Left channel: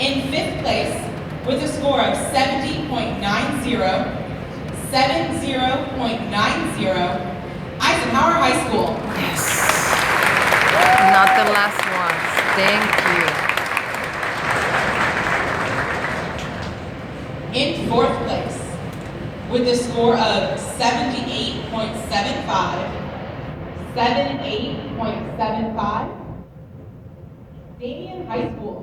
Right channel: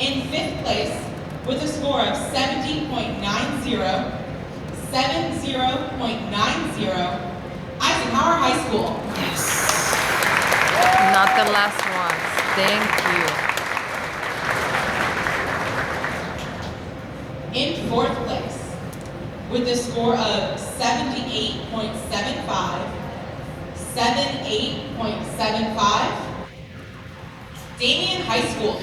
In fifth place, with a score of 70.90, 70.90, Eisenhower High School. Yes. Not the last one. Thank you. In fourth place, with a score of 78.75, 78.75, Damien High School.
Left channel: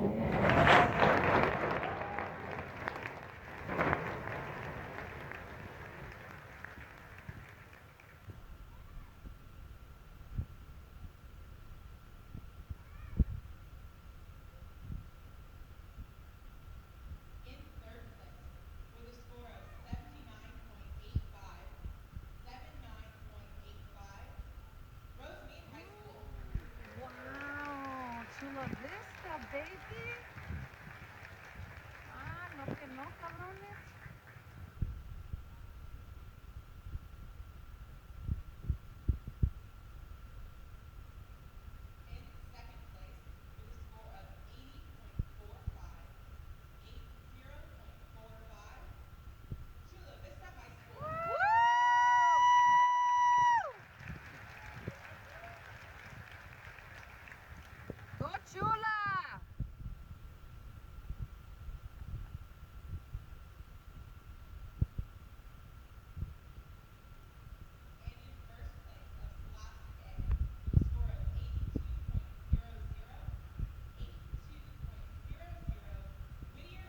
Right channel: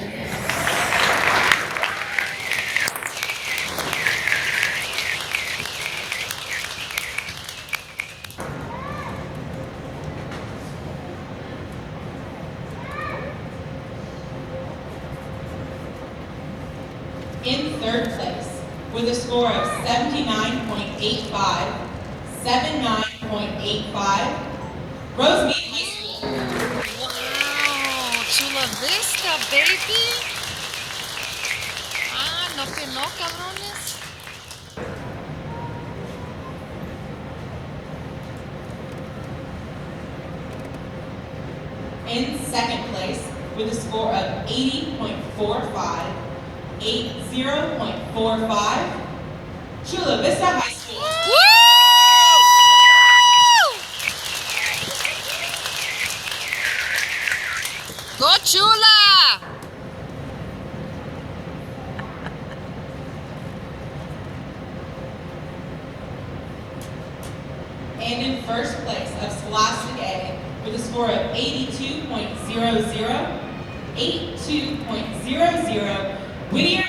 In third place, with a score of 79.85, 79.85, Rosemead High School. Wow, Chula Vista, baby. Ah, no que no, cabrones. In second place, with a score of 80.45, 80.45, Chula Vista High School. Woo! Go Chula! And in first place of Scholastic A, with a score of 82.00, 82.00, Whittier